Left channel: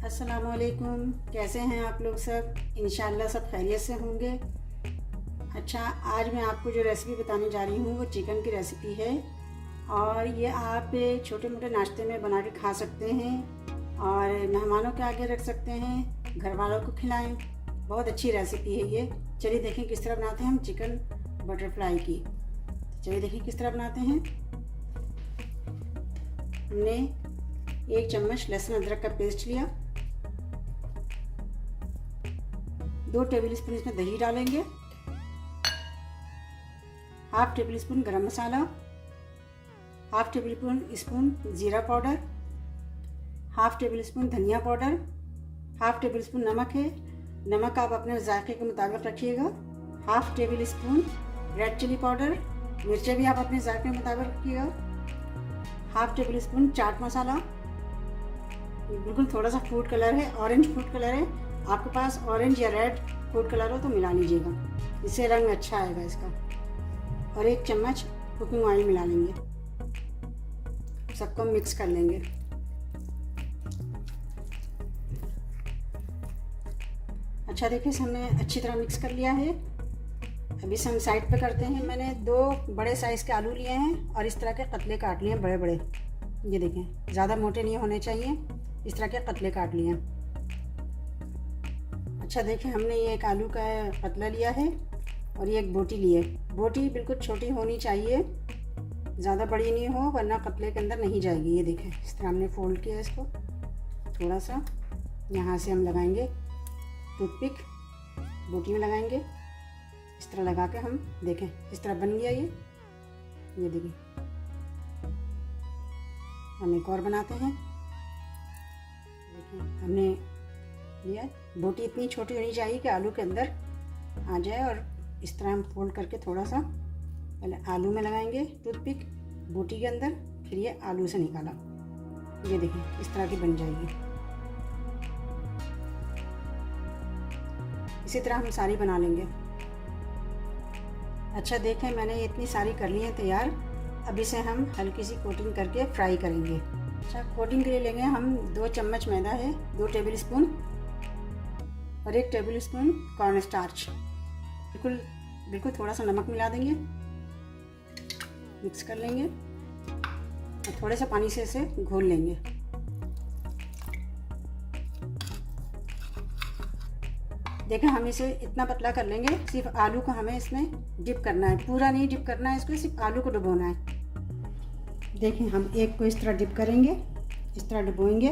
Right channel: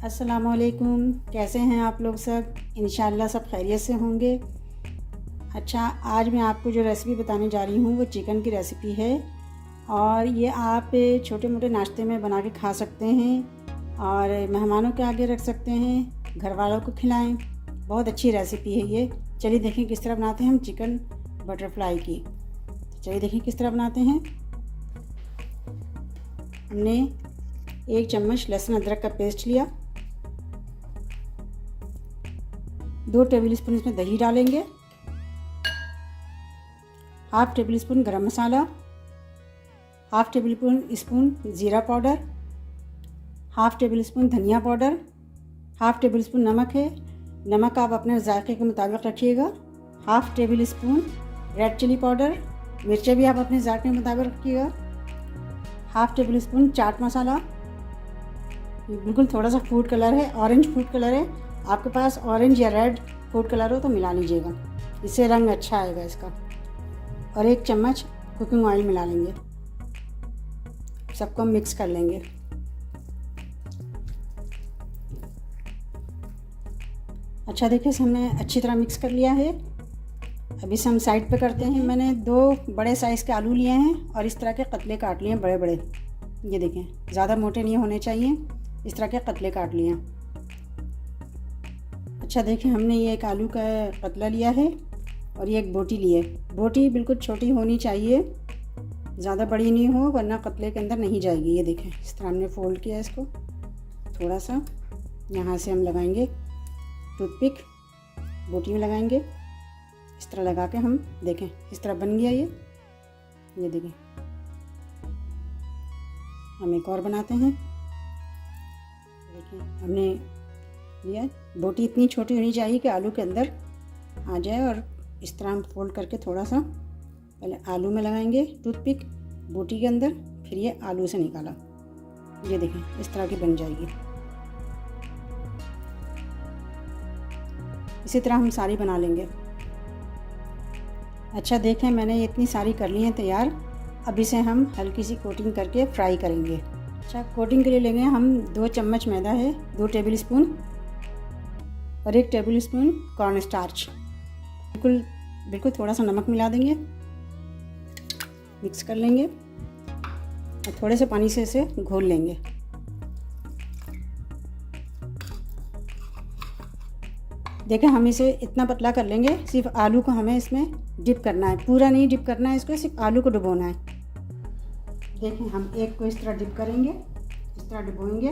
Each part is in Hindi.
अस्सलामुअलैकुम। कैसे हैं आप लोग सब? इंशाल्लाह सब खैरियत से होंगे। अच्छा, आज मैं आपको जो रेसिपी बताने जा रही हूँ वो चिकन की रेसिपी है और ये आप छोटे मोटे नाश्ते में बना के खा सकते हैं और मेहमानों के आगे रख सकते हैं, घर वालों को खिलाएं। बहुत अच्छी रेसिपी है ये। चलिए देखें किस तरह बनाते हैं हम चिकन बटरफ्लाई की। चलिए देखें किस तरह बनाते हैं। हमने 1 चम्मच लहसुन अदरक का पेस्ट लिया, 2 टेबल स्पून इसमें दही डालेंगे, half tablespoon garam masala, half tablespoon ज़ीरा पाउडर, हाफ टेबल स्पून धनिया पाउडर, हाफ टेबल स्पून नमक है। नमक आप अपने जायके के मुताबिक रखिएगा। Half tablespoon red chilli powder, मिर्चें भी आप अपने जायके के मुताबिक रखिएगा। Half tablespoon chaat masala, बिल्कुल थोड़ा सा फूड कलर है, ऑरेंज फूड कलर है। आपके पास ऑरेंज या रेड फूड कलर हो तो मिला लीजिएगा, इससे रंग अच्छा आएगा इसका। और 1 चम्मच कुकिंग ऑयल मिला लेंगे, सबको मिक्स कर लेंगे। अच्छा देखिए, हमने अच्छी तरह मिक्स कर लिया है। अब इसे हम साइड पे करते हैं। मैंने 2 बड़े साइज़ के आलू लिए हैं और इस तरह के कतले काट लिए हैं, बड़े बड़े। ये देखें, ज़्यादा मोटे नहीं होने चाहिए, इस तरह के कतले काट लिए हैं। अच्छा देखिए, हमने ये एक आलू का पतला लिया है और ये एक बोटी ली है। बोटी बिल्कुल छोटी होनी चाहिए, ज़्यादा बड़ी नहीं हो वरना कतले के अंदर नहीं जाएगी। ये देखें, इस तरह हमने फोल्ड किया इसको। थोड़ा सा यहाँ से हम लगाएंगे टूथपिक, बोटी में लगाएंगे। इस तरह लगा के हम देखें इस तरह बन गया ये देखें। हम एक और बनाते हैं। देखिए हमने ये बोटी इतनी छोटी होनी चाहिए कि आलू के अंदर आ जाए और इस तरह हम फोल्ड करके थोड़ा सा पहले आलू में लगाएंगे टूथपिक, बोटी के अंदर, फिर ये आलू से निकाला। ये देखें इस तरह की बन जाएगी। इसी तरह हम सारी बना लेंगे। अच्छा देखें, मैंने ये इतनी सारी कर ली हैं तैयार। अब इसे हम हल्की सी कोटिंग करके फ्राई करेंगे। अच्छा, कोटिंग के लिए लेंगे हम 2 चम्मच मैदा है, 2 टेबल स्पून और 1 टेबल स्पून कॉर्न स्टार्च। बिल्कुल थोड़ा सा नमक मिला देंगे, मिक्स कर लेंगे और थोड़े से पानी से इसे घोल लेंगे। देखें, हम इसे इतना पतला कर लेंगे, सिर्फ आलू को हमें इसमें डिप करना है, पूरा नहीं डिप करना है इसको, सिर्फ आलू को डुबोना है। देखें, हम एक को इस तरह डिप करेंगे, इस तरह डुबोएंगे,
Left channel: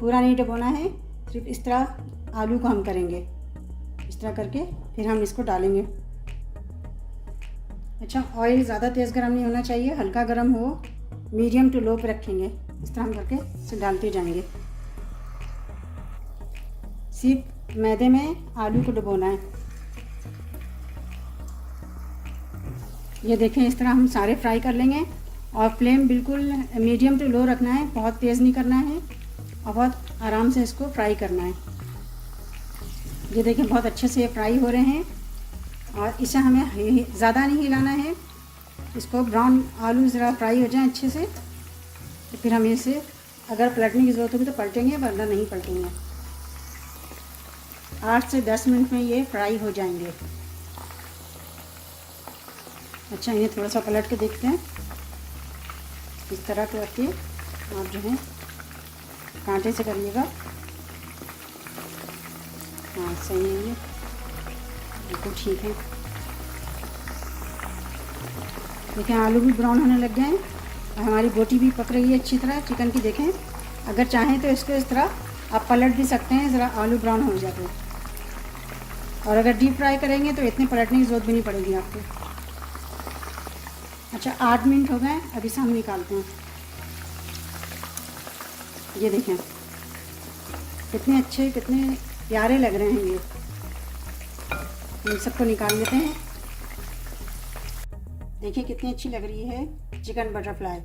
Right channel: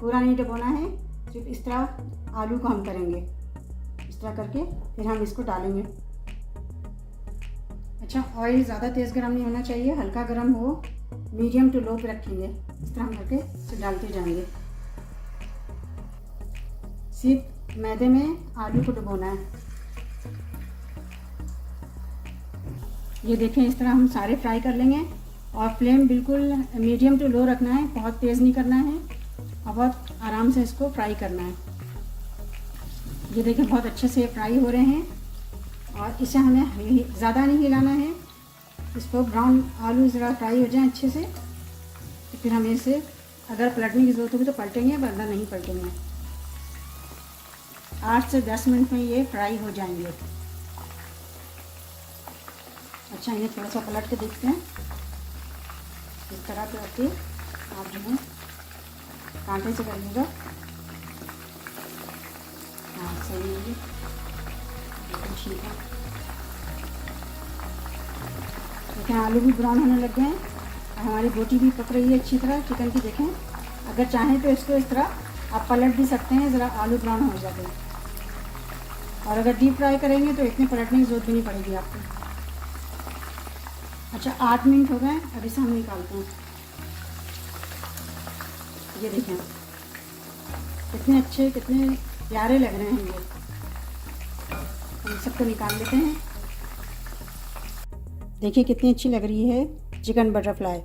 पूरा नहीं डुबोना है, सिर्फ इस तरह आलू को हम करेंगे। इस तरह करके फिर हम इसको डालेंगे। अच्छा, ऑयल ज़्यादा तेज़ गर्म नहीं होना चाहिए, हल्का गर्म हो, मीडियम टू लो पे रखेंगे। इस तरह हम करके इसे डालते जाएंगे। सिर्फ मैदे में आलू को डुबोना है। ये देखें, इस तरह हम सारे फ्राई कर लेंगे और फ्लेम बिल्कुल मीडियम टू लो रखना है, बहुत तेज़ नहीं करना है और बहुत आराम से इसको फ्राई करना है। ये देखें, बहुत अच्छे से फ्राई हो रहे हैं और इसे हमें ज़्यादा नहीं हिलाना है। इसको ब्राउन आलू ज़रा फ्राई हो जाए अच्छे से, तो फिर हमें इसे अगर पलटने की ज़रूरत होगी तो पलटेंगे, वरना नहीं पलटेंगे। 8 से 10 मिनट में ये फ्राई हो जाएंगे। अच्छा, इन्हें थोड़ा सा पलट के देखते हैं। इस तरह करके आप जो है कांटे से करिएगा। हाँ, सही है, ये बिल्कुल ठीक है। देखें, आलू भी ब्राउन होने लग गए हैं और हमारी बोटी भी पक रही है अच्छी तरह चिकन की। देखें, अगर चाहें तो इसको इस तरह आप पलट भी सकते हैं, ज़रा आलू ब्राउन हो जाते हैं। और अगर डीप फ्राई करेंगे तो इतने पलटने की ज़रूरत भी नहीं पड़ेगी आपको। अच्छा, 8 मिनट हो गए, अब इसे हम निकालते हैं। ये देखें कितने अच्छे, कितने प्यारे लग रहे हैं ये। हम सबको निकाल लेते हैं। देखिए कितनी अच्छी लग रही है चिकन बटरफ्लाई।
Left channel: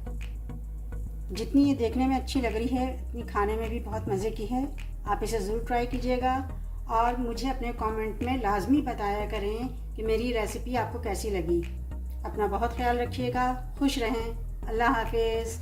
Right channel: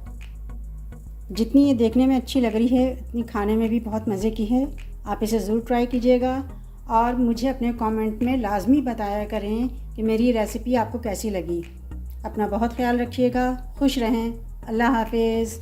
जितनी ये देखने में अच्छी लग रही है उतनी खाने में भी बहुत मज़े की है। आप इसे ज़रूर ट्राई कीजिएगा और मुझे अपने कमेंट में लाजमी बताया करें कि मेरी रेसिपी आपको कैसी लगी। अपना बहुत ख्याल रखिएगा, खुश रहें। अल्लाह हाफिज़।